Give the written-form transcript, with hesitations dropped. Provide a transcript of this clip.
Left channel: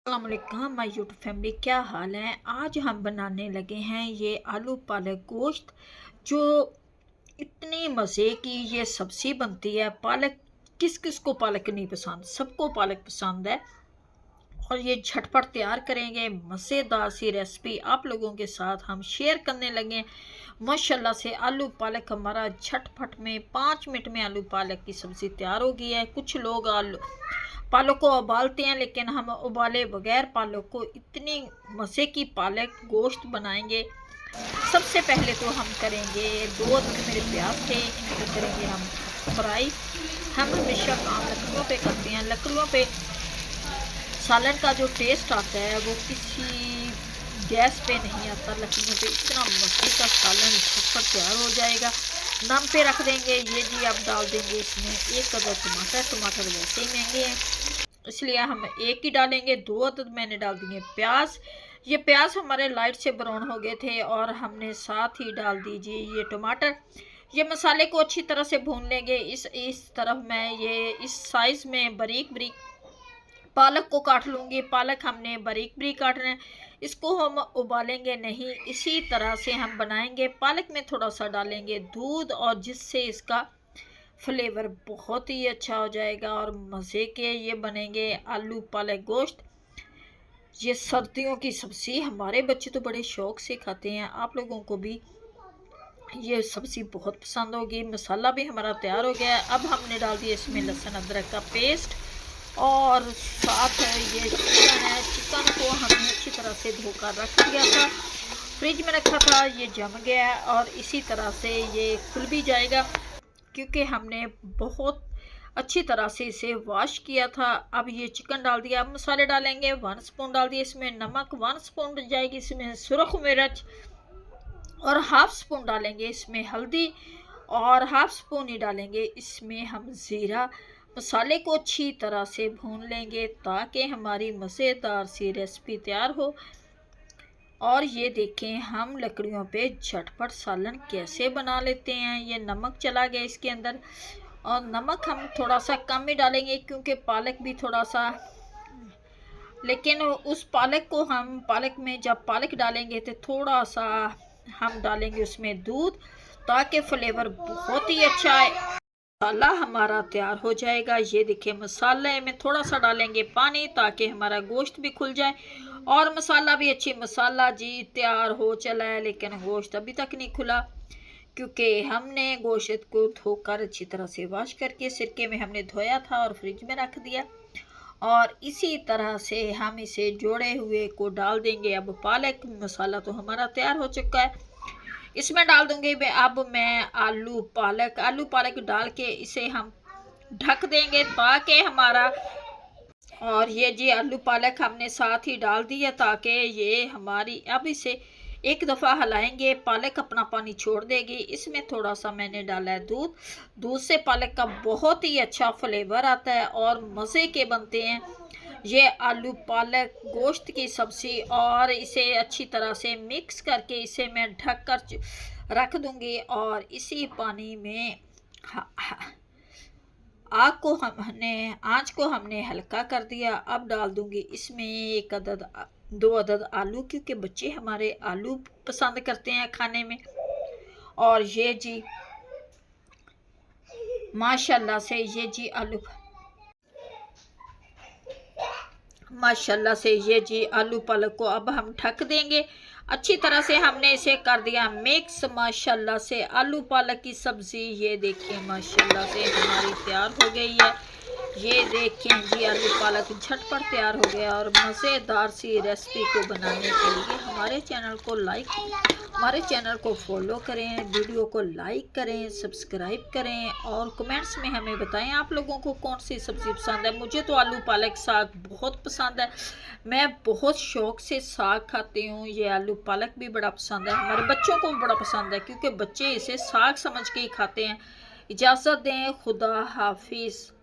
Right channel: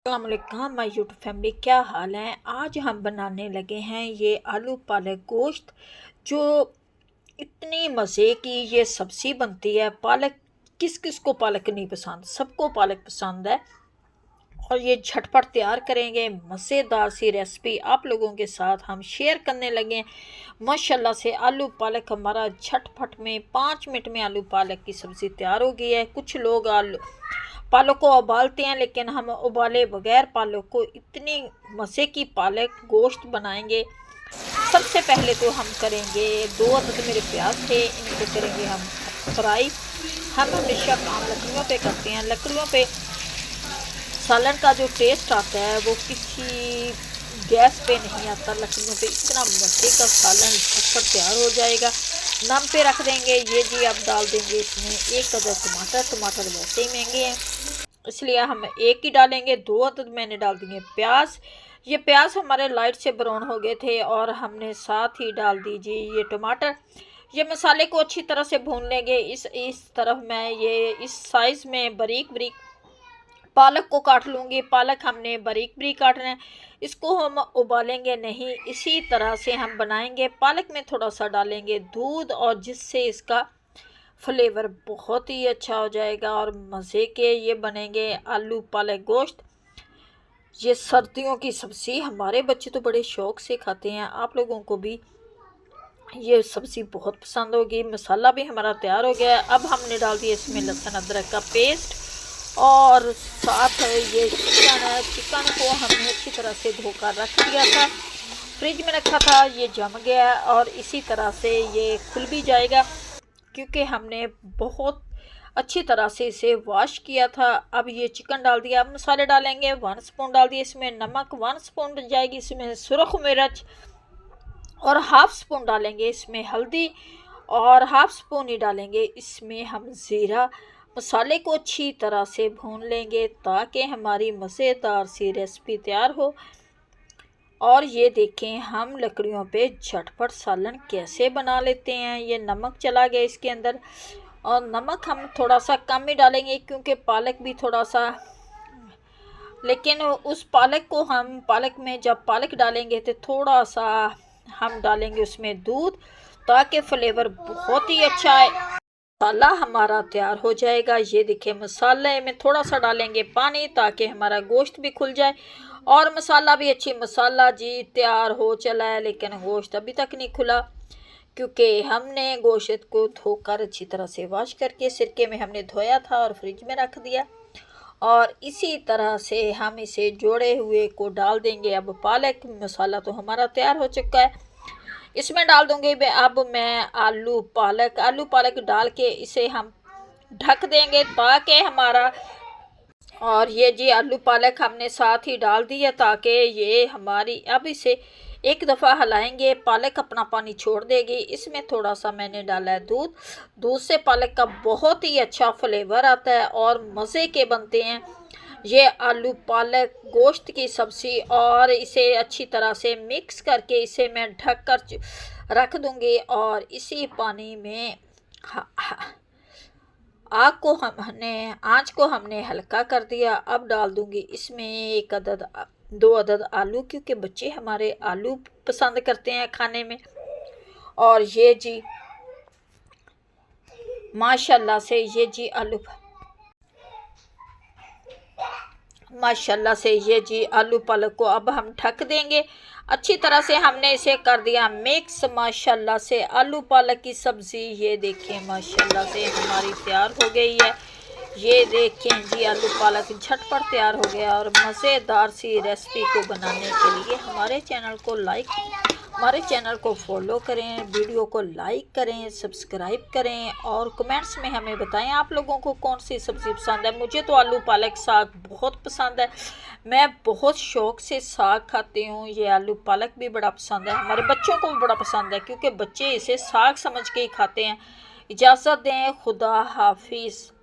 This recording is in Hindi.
अस्सलाम वालेकुम माय यूट्यूब फैमिली, क्या हाल है। आज हम बनाने लगे हैं ये आलू पालक गोश्त, जो इतनी मज़े की ये सब्ज़ी बनती है। पालक किस किस को पालक नहीं पसंद, सबको पालक पसंद है। और ये झटपट तैयार करेंगे, मज़ेदार सी रेसिपी आप लोगों के साथ हम शेयर करने लगे हैं। माशाल्लाह से आलू पालक हमारा झटपट में 5 मिनट में आलू पालक की सब्ज़ी तैयार हो गई है। कुछ लोग आलू पालक को उबालते हैं, लेकिन हम उबाले बगैर पालक को इतनी मज़े की पालक गोश्त बनाएंगे। सबसे पहले तो हम करेंगे 2 अदद मेरे प्याज थे, इनको करेंगे हम फ्राई। हम हमेशा काम लकड़ियों पे करते हैं। लकड़ियों पे सालन का जो टेस्ट आता है वो किसी गैस पे नहीं आता। लकड़ियों पे इतना मज़े का सालन झटपट तैयार हो जाएगा। नम पे रख देंगे। ये जी अब डाल देंगे इसमें 1 अदद टमाटर। टमाटर वैसे ही महंगे हैं, इसलिए हम एक ही डालेंगे। 2 अदद मैंने डाल दिए प्याज। ये प्याज हमारे लाइट से ब्राउन हो गए थे और हमने साथ ही डाल दीजिए ये टमाटर। ये मसाले को अच्छी तरह से भून लेंगे। इस तरफ मैं ये इस साइज़ में बारीक बारीक पालक को काट लूँगी। पालक हमने बारीक बारीक काटना है, इसको हम उबालेंगे नहीं, इसी तरह से हम बनाएंगे। पालक में थोड़ा सा डालेंगे दूध, और जिससे इसका फ्लेवर बहुत ही अच्छा हो जाएगा और मज़े के ये बनेंगे आलू पालक गोश्त। ये सर्दियों की सब्ज़ी, हमारे बच्चे तो बड़े शौक़ से खाते हैं। आप लोगों को भी ये सब्ज़ी बहुत पसंद होगी। मसाला भी हमारा तैयार हो गया है। अब हमने डाल दिया इसमें लहसुन अदरक का पेस्ट, और साथ ये चिकन है। चिकन को हमने अच्छी तरह से धोकर रख दिया था, फ्रिज में रखा था। ये जम गया और इसी तरह से ये खुल भी जाएगा, क्योंकि हमने बहुत अच्छी तरह से इसे वॉश किया था। अब ये चिकन डाल दिया। अब मसाले डालेंगे। 1 स्पून डाल दिया इसमें नमक, 1 स्पून जाएगी इसमें सुरख मिर्च, और हाफ़ स्पून डालेंगे इसमें हल्दी, और हाफ़ स्पून ही डालेंगे इसमें हम ज़ीरा। मसाले को अच्छी तरह से भून लेंगे ताकि हमारी मज़ेदार सी रेसिपी तैयार हो। और ये देखें हम लकड़ियों पे झटपट सालन कैसे बना लेते हैं। ये नमक चला गया इसके अंदर, और नमक हम थोड़ा सा कम ही डालेंगे क्योंकि पालक भी थोड़ा सा, लेकिन उस पालक को हम पालक में जब पालक डालेंगे तो थोड़ा सा हम डालेंगे उसमें दूध, ताकि फ्लेवर बहुत ही अच्छा है। मसाला हमारा तैयार हो जाएगा। ये देखिए मसाले में थोड़ा सा डालेंगे पानी ताकि हमारा गोश्त भी खुल जाए, और मसाला भी अच्छी, मसाला जी तैयार हो चला है, लेकिन गोश्त अभी तक नहीं खुला, क्योंकि हमने गोश्त को धोकर अच्छी तरह से वॉश करके सिरके में हमने धोया था और फ्रिज में रख दिया। और इसी तरह से हम इसे जोड़े हुए को डाल देंगे। अब पालक मसाला तो हमारा तैयार हो चुका है, इसमें डाल दूंगी अब मैं आलू पालक डाल के इसे हम ढक देंगे ताकि हमारा, और ये जी आलू पालक हमने साथ ही डाल दिया ताकि ये हमारी, अब इसे एक दफ़ा हिलाएंगे। पालक अपना पानी छोड़ देगी। इसमें थोड़ा सा मैंने डाला है दूध। दूध से पालक का बहुत ही अच्छा फ्लेवर आता है और मज़े के बनते हैं ये आलू पालक गोश्त की सब्ज़ी। और इसे अच्छी तरह से मिक्स करके इसे मैं ढक कर रख दूँगी, और इसी पानी में आँच को हमने हल्का कर दिया। अब डाल दूँगी इसमें 2 अदद आलू, क्योंकि बच्चे हमारे आलू पसंद करते हैं खाने में। और ये जी माशाल्लाह से ये जी आलू पालक को अब हम ढक देंगे। अच्छी तरह से हमने इसे कर दिया मिक्स। माशाल्लाह से आलू पालक की सब्ज़ी ये देखिए माशाल्लाह से हमारी तैयार हो गई है। ये देखें जी आलू पालक झटपट तैयार हो गया। और मज़ेदार सी रेसिपी को बनाने के लिए हमारे चैनल को फॉलो करें, वीडियो को लाइक करें, सब्सक्राइब करें, और कमेंट्स में हमें बताएं आप लोगों को कौन सी सब्ज़ी पसंद है। मुझे तो आलू पालक साग बहुत पसंद है, मैं बहुत शौक़ से साग खाती हूँ। ये आलू पालक भी बड़ा पसंद है, हमारे बच्चों को भी बड़ा पसंद है, क्योंकि बच्चे इसे साग समझ के ही खाते हैं। इजाज़त दें, खुदा हाफिज़।